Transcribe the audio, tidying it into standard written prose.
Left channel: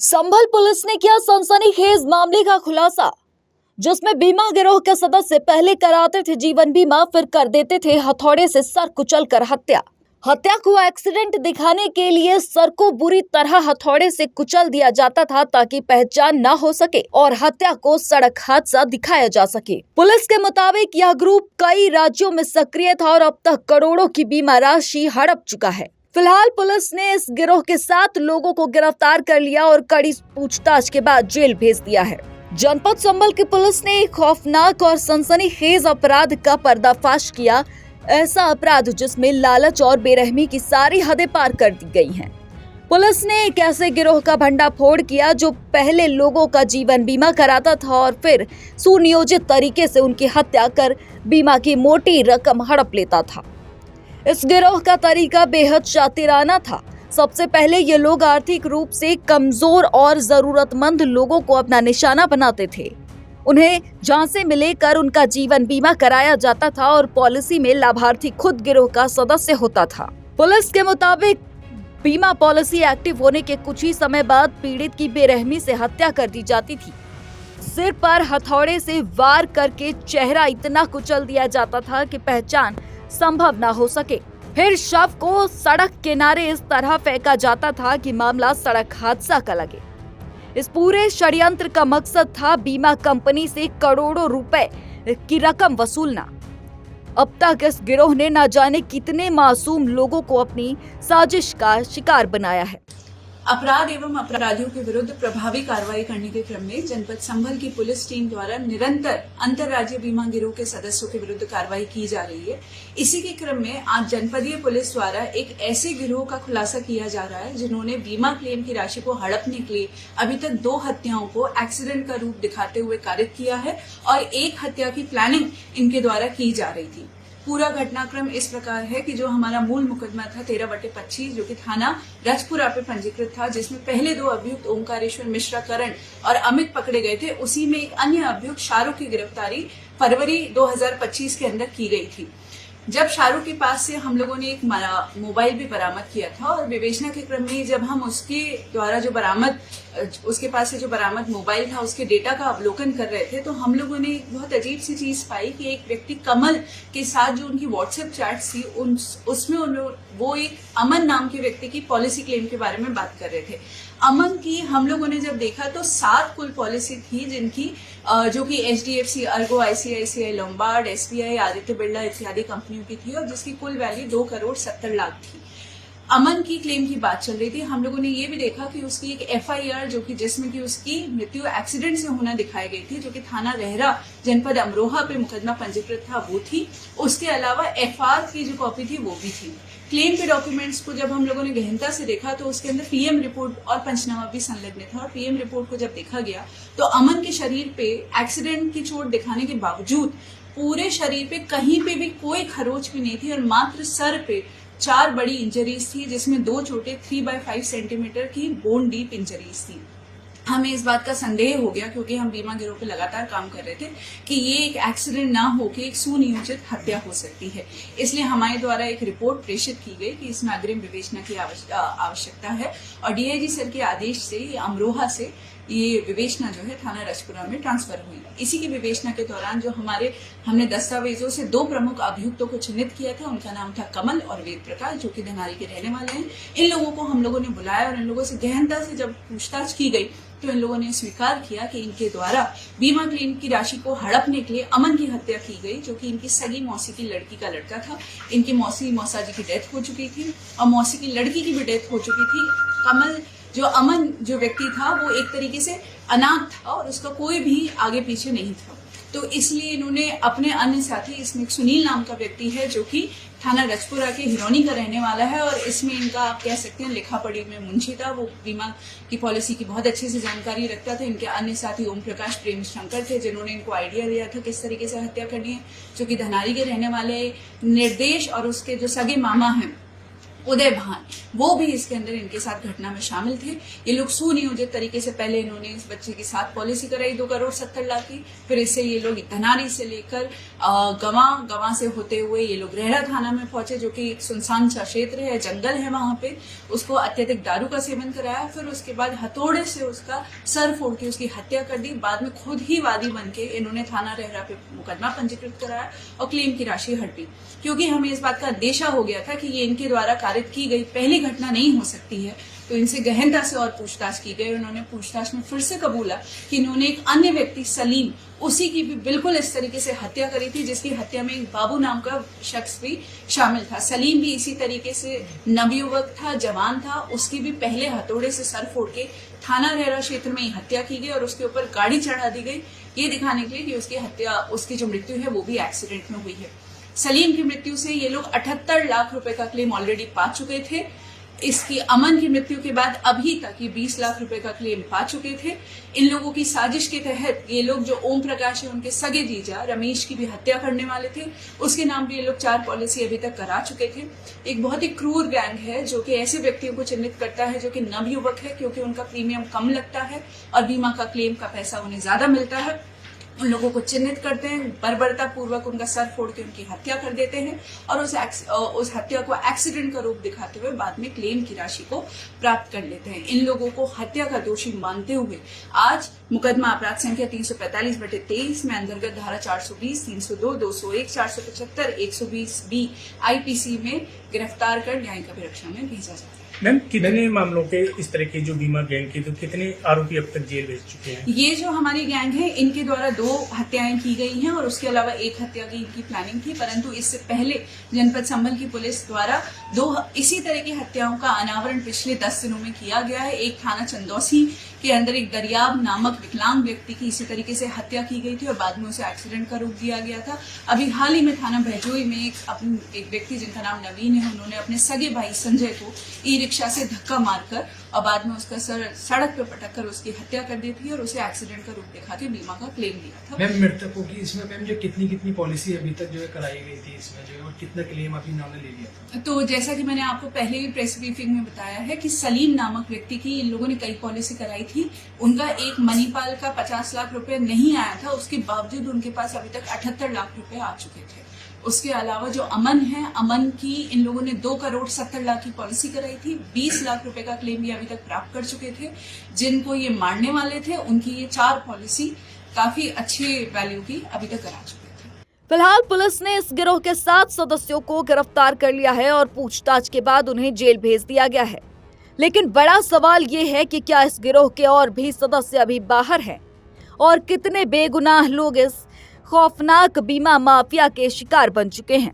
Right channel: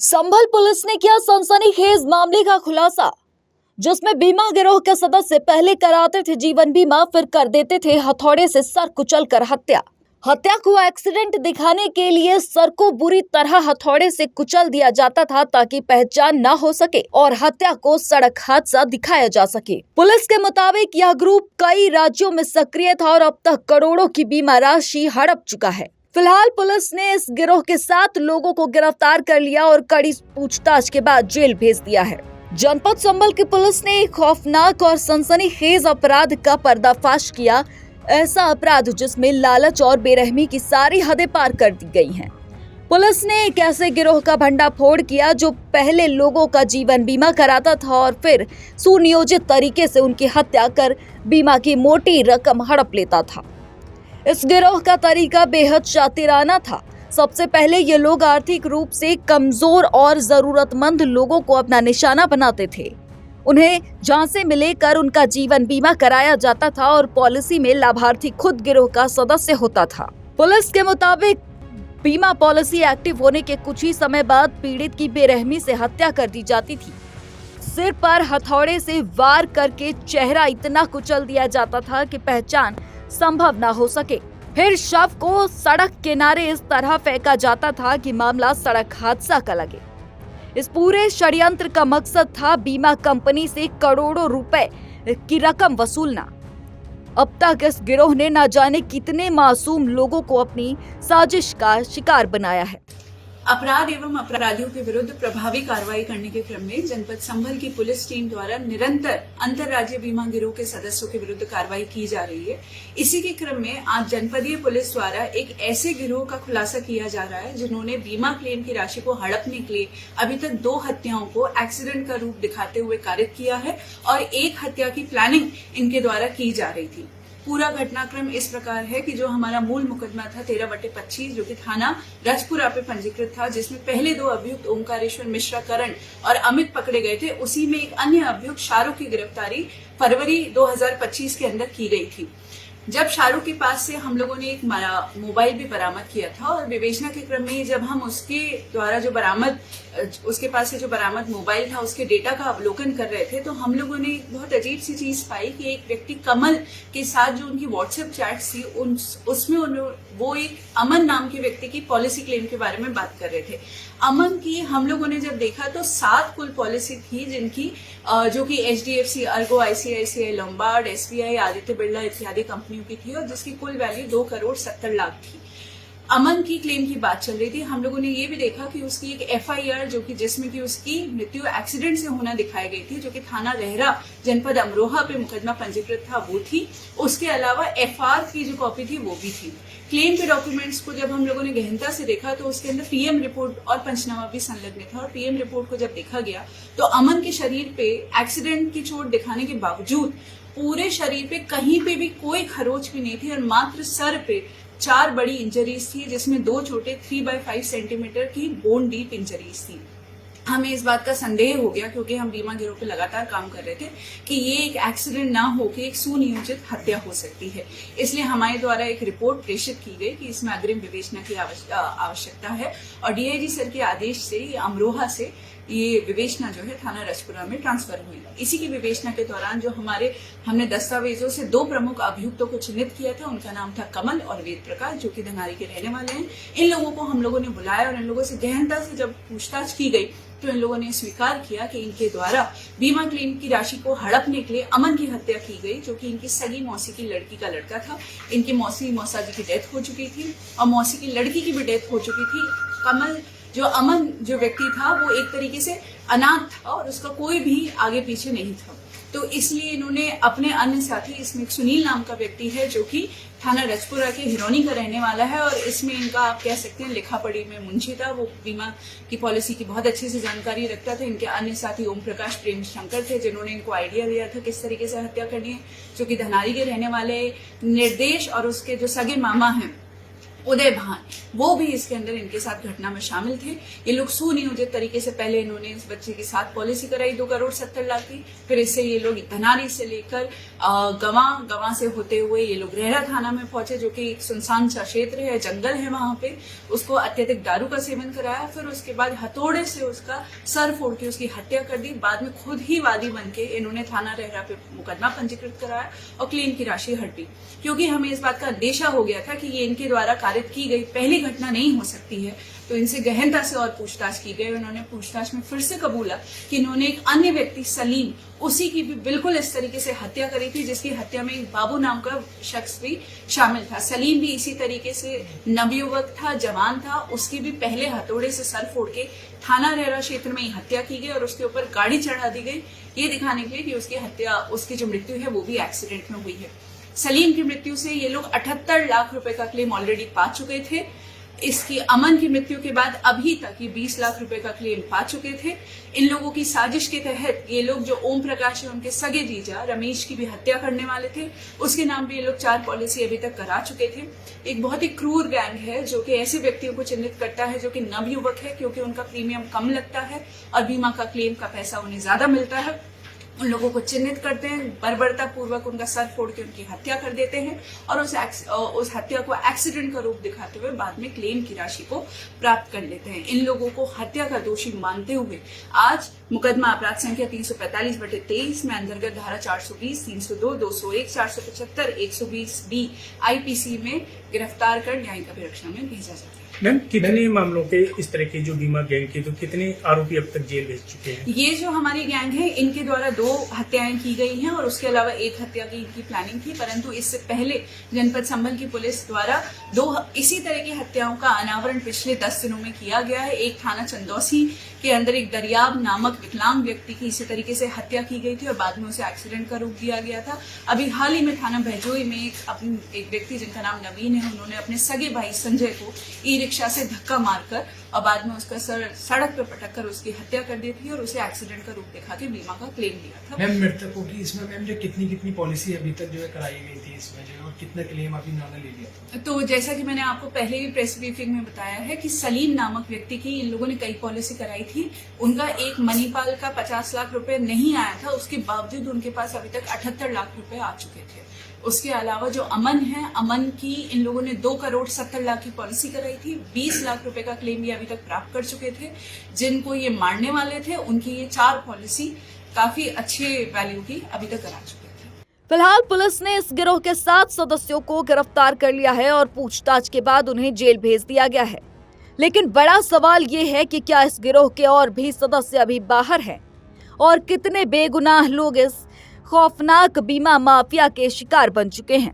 संभल police ने किया सनसनीखेज मामले का खुलासा, जिसमें बीमा गिरोह के सदस्य पहले कराते थे जीवन बीमा, फिर कर देते थे हथौड़े से सर कुचलकर हत्या। हत्या को एक्सीडेंट दिखाने के लिए सर को बुरी तरह हथौड़े से कुचल दिया जाता था ताकि पहचान न हो सके और हत्या को सड़क हादसा दिखाया जा सके। पुलिस के मुताबिक यह ग्रुप कई राज्यों में सक्रिय था और अब तक करोड़ों की बीमा राशि हड़प चुका है। फिलहाल पुलिस ने इस गिरोह के 7 लोगों को गिरफ्तार कर लिया और कड़ी पूछताछ के बाद जेल भेज दिया है। जनपद संभल की पुलिस ने एक खौफनाक और सनसनीखेज अपराध का पर्दाफाश किया। ऐसा अपराध जिसमें लालच और बेरहमी की सारी हदें पार कर दी गई हैं। पुलिस ने एक ऐसे गिरोह का भंडाफोड़ किया जो पहले लोगों का जीवन बीमा कराता था और फिर सुनियोजित तरीके से उनकी हत्या कर बीमा की मोटी रकम हड़प लेता था। इस गिरोह का तरीका बेहद शातिराना था। सबसे पहले ये लोग आर्थिक रूप से कमजोर और जरूरतमंद लोगों को अपना निशाना बनाते थे। उन्हें झांसे में लेकर उनका जीवन बीमा कराया जाता था और पॉलिसी में लाभार्थी खुद गिरोह का सदस्य होता था। पुलिस के मुताबिक बीमा पॉलिसी एक्टिव होने के कुछ ही समय बाद पीड़ित की बेरहमी से हत्या कर दी जाती थी। सिर पर हथौड़े से वार करके चेहरा इतना कुचल दिया जाता था कि पहचान संभव न हो सके। फिर शव को सड़क किनारे इस तरह फेंका जाता था कि मामला सड़क हादसा का लगे। इस पूरे षड्यंत्र का मकसद था बीमा कंपनी से करोड़ों रुपए की रकम वसूलना। अब तक इस गिरोह ने न जाने कितने मासूम लोगों को अपनी साजिश का शिकार बनाया है। अपराध एवं अपराधियों के विरुद्ध प्रभावी कार्रवाई करने के क्रम में जनपद संभल की पुलिस टीम द्वारा निरंतर अंतर्राज्यीय बीमा गिरोह के सदस्यों के विरुद्ध कार्रवाई की जा रही है। इसी के क्रम में आज जनपदीय पुलिस द्वारा एक ऐसे गिरोह का खुलासा किया जा रहा है जिन्होंने बीमा क्लेम की राशि को हड़पने के लिए अभी तक 2 हत्याओं को एक्सीडेंट का रूप दिखाते हुए कारित किया है और एक हत्या की प्लानिंग इनके द्वारा की जा रही थी। पूरा घटनाक्रम इस प्रकार है कि जो हमारा मूल मुकदमा था 13/25 जो कि थाना राजपुरा पे पंजीकृत था, जिसमें पहले 2 अभियुक्त ओंकारेश्वर मिश्रा करण और अमित पकड़े गए थे, उसी में एक अन्य अभियुक्त शाहरुख की गिरफ्तारी फरवरी 2025 के अंदर की गई थी। जब शाहरुख के पास से हम लोगों ने एक मोबाइल भी बरामद किया था और विवेचना के क्रम में जब हम उसके द्वारा उसके पास से जो बरामद मोबाइल था उसके डेटा का अवलोकन कर रहे थे, तो हम लोगों ने एक बहुत अजीब सी चीज पाई कि एक व्यक्ति कमल के साथ जो उनकी व्हाट्सएप चैट्स थी उसमें वो एक अमन नाम के व्यक्ति की पॉलिसी क्लेम के बारे में बात कर रहे थे। अमन की हम लोगों ने जब देखा तो 7 कुल पॉलिसी थी जिनकी जो कि HDFC, Ergo, ICICI, Lombard, SBI, Aditya Birla इत्यादि कंपनियों की थी और जिसकी कुल वैल्यू 2,70,00,000 थी। अमन की क्लेम की बात चल रही थी। हम लोगों ने ये भी देखा कि उसकी एक FIR जो कि जिसमें कि उसकी मृत्यु एक्सीडेंट से होना दिखाई गई थी, जो कि थाना लहरा जनपद अमरोहा पे मुकदमा पंजीकृत था, वो थी। उसके अलावा FR की जो कॉपी थी वो भी थी। क्लेम के डॉक्यूमेंट्स को जब हम लोगों ने गहनता से देखा तो उसके अंदर PM रिपोर्ट और पंचनामा भी संलग्न था और PM रिपोर्ट को जब देखा गया तो अमन के शरीर पे एक्सीडेंट की चोट दिखाने के बावजूद पूरे शरीर पे कहीं पे भी कोई खरोच भी नहीं थी और मात्र सर पे 4 बड़ी इंजरीज थी, जिसमें 2 छोटे 3/5 सेंटीमीटर की बोन डीप इंजरीज थी। हमें इस बात का संदेह हो गया क्योंकि हम बीमा गिरोह पे लगातार काम कर रहे थे कि ये एक एक्सीडेंट ना होकर एक सुनियोजित हत्या हो सकती है। इसलिए हमारे द्वारा एक रिपोर्ट प्रेषित की गई कि इसमें अग्रिम विवेचना की आवश्यकता है और DIG सर के आदेश से अमरोहा से ये विवेचना जो है थाना राजपुरा में ट्रांसफर हुई। इसी की विवेचना के दौरान जो हमने दस्तावेजों से 2 प्रमुख अभियुक्तों को चिन्हित किया था, उनका नाम था कमल और वेद प्रकाश, जो कि धनारी के रहने वाले हैं। इन लोगों को हम लोगों ने बुलाया और इन लोगों से गहनता से जब पूछताछ की गई तो इन लोगों ने स्वीकार किया कि इनके द्वारा बीमा क्लेम की राशि को हड़पने के लिए अमन की हत्या की गई, जो कि इनकी सगी मौसी की लड़की का लड़का था। इनकी मौसा जी की डेथ हो चुकी थी और मौसी की लड़की की भी डेथ हो चुकी थी। अमन जो व्यक्ति था वो एक तरीके से अनाथ था और उसका कोई भी आगे पीछे नहीं था, तो इसलिए इन्होंने अपने अन्य साथी, इसमें एक सुनील नाम का व्यक्ति है जो कि थाना राजपुरा के हिरोनी का रहने वाला है और इसमें इनका आप कह सकते हैं लिखा पढ़ी में मुंशी था। वो बीमा की पॉलिसी की बहुत अच्छी से जानकारी रखता था। इनके अन्य साथी ओम प्रकाश, प्रेम शंकर थे जिन्होंने इनको आइडिया दिया था किस तरीके से हत्या करनी है, जो कि धनारी के रहने वाले निर्देश और उसके जो सगे मामा हैं उदय भान, वो भी इसके अंदर इनके साथ घटना में शामिल थे। ये लोग सुनियोजित तरीके से पहले इन्होंने इस बच्चे के साथ पॉलिसी कराई 2,70,00,000 की, फिर इससे ये लोग धनारी से लेकर गवा से होते हुए ये लोग रेहरा थाना में पहुंचे, जो कि एक सुनसान सा क्षेत्र है, जंगल है वहां पे। उसको अत्यधिक दारू का सेवन कराया, फिर उसके बाद हथौड़े से उसका सर फोड़ के उसकी हत्या कर दी। बाद में खुद ही वादी बन के इन्होंने थाना रेहरा पे मुकदमा पंजीकृत कराया और क्लेम की राशि हड़पी, क्योंकि हमें इस बात का अंदेशा हो गया था कि ये इनके द्वारा कारित की गई पहली घटना नहीं हो सकती है। तो इनसे गहनता से और पूछताछ की गई। उन्होंने पूछताछ में फिर से कबूला कि इन्होंने एक अन्य व्यक्ति सलीम, उसी की भी बिल्कुल इस तरीके से हत्या करी थी, जिसकी हत्या में एक बाबू नाम का शख्स भी शामिल था। सलीम भी इसी तरीके से नवयुवक था, जवान था, उसकी भी पहले हथौड़े से सर फोड़ के थाना रेहरा क्षेत्र में ही हत्या की गई और उसके ऊपर गाड़ी चढ़ा दी गई, ये दिखाने के लिए कि उसकी हत्या, उसकी जो मृत्यु है वो भी एक्सीडेंट में हुई है। सलीम की मृत्यु से ये लोग 78 लाख रुपए का क्लेम ऑलरेडी पा चुके थे। इसकी अमन की मृत्यु के बाद अभी तक ये 20 लाख रुपए का क्लेम पा चुके थे। इन लोगों की साजिश के तहत ये लोग, जो ओम प्रकाश है उनके सगे जीजा रमेश की भी हत्या करने वाले थे, उसके नाम भी ये लोग 4 पॉलिसी अभी तक करा चुके थे। एक बहुत ही क्रूर गैंग है जो कि ऐसे व्यक्तियों को चिन्हित करता है जो कि नवयुवक है, क्योंकि उनका प्रीमियम कम लगता है और बीमा का क्लेम का पैसा उन्हें ज्यादा मिलता है। उन लोगों को चिन्हित करते हैं, बर्बरता पूर्वक उनका सर फोड़ के उनकी हत्या कर देते हैं और उस हत्या को एक्सीडेंट का रूप दिखाते हुए बाद में क्लेम की राशि को प्राप्त कर लेते हैं। इन लोगों को हत्या का दोषी मानते हुए आज मुकदमा अपराध संख्या 345/23 में अंतर्गत धारा 420, 302, 201, 475, 120B IPC में गिरफ्तार कर न्यायिक अभिरक्षा में भेजा जाता है। मैम, कितने मामलों के इस तरह की जो बीमा गैंग की, तो कितने आरोपी अब तक जेल भेज चुके हैं? ये जो हमारी गैंग है, इनके द्वारा 2 हत्याएं की गई हैं और उसके अलावा 1 हत्या की इनकी प्लानिंग थी, परंतु इससे पहले जनपद संभल की पुलिस द्वारा 2 इसी तरह की हत्याओं का अनावरण पिछले 10 दिनों में किया गया है। एक थाना चंदौसी के अंदर एक दरियाब नामक विकलांग व्यक्ति की इसी तरीके से हत्या की गई थी और बाद में उसे एक्सीडेंट का रूप दिया गया था। अभी हाल ही में थाना भैजोई में एक व्यक्ति जिनका नाम नवीन है, उन्होंने अपने सगे भाई संजय को ई-रिक्शा से धक्का मारकर और बाद में उसका सड़क पर पटक कर उसकी हत्या कर दी थी और उसे एक्सीडेंट का रूप दिखा के बीमा का क्लेम लिया था। मैम, मृतकों की इसमें मैम जो कितनी पॉलिसी अभी तक जो है कराई गई थी इसमें जो, और कितना क्लेम अभी इन्होंने ले लिया था? तो जैसा कि मैंने आपको पहले ही प्रेस ब्रीफिंग में बताया है कि सलीम नामक व्यक्ति की इन लोगों ने कई पॉलिसी कराई थी। उनका एक मणिपाल का 50 लाख रुपए नहीं आया था, उसके बावजूद उनके पास अभी तक 78 लाख रुपए आ चुके थे। उसके अलावा जो अमन है, अमन की इन लोगों ने 2,70,00,000 की पॉलिसी कराई थी। 20 लाख रुपए का क्लेम ये अभी तक प्राप्त कर चुके थे। जिनको ये मारने वाले थे उनकी ये 4 पॉलिसी काफी अच्छे वैल्यू की अभी तक करा चुके थे। फिलहाल पुलिस ने इस गिरोह के 7 सदस्यों को गिरफ्तार कर लिया है और पूछताछ के बाद उन्हें जेल भेज दिया गया है। लेकिन बड़ा सवाल ये है कि क्या इस गिरोह के और भी सदस्य अभी बाहर हैं और कितने बेगुनाह लोग इस खौफनाक बीमा माफिया के शिकार बन चुके हैं।